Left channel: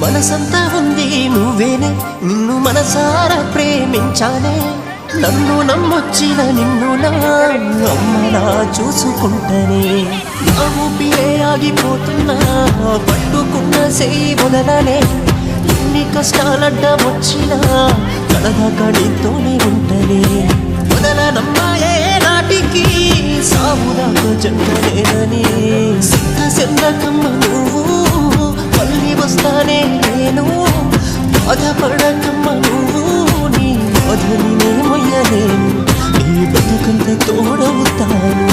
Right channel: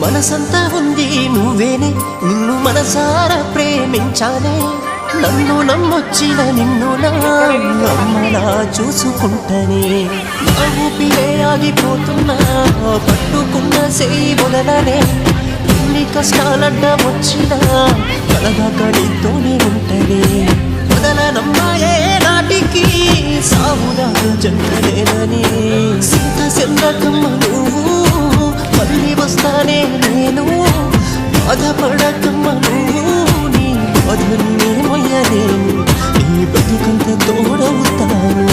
మనసంతా ఉంది నువ్వేనే, నిన్ను మనసారా ప్రేమించానే. నన్ను నమ్మొచ్చిన నిన్ను నా అమ్మలా చూసుకుంటనే. నా ఊపిరే ఆగిపోతున్నా, పట్టుకున్న సేయి వదలనే. ఎన్ని కష్టాలడ్డ వచ్చినా కలదాకా నీతోనే ఉంటనే. వదలనమ్మాయే నాటికి సావుదాకా జంటనేనని. సింత సెందకమ్మ నువ్వు, మళ్ళీ వస్తానే నేను. బాధపడకమ్మ నువ్వు, నీ బాధని నే మొయ్యలేను. నీ బతుకంత తోడవుతాను.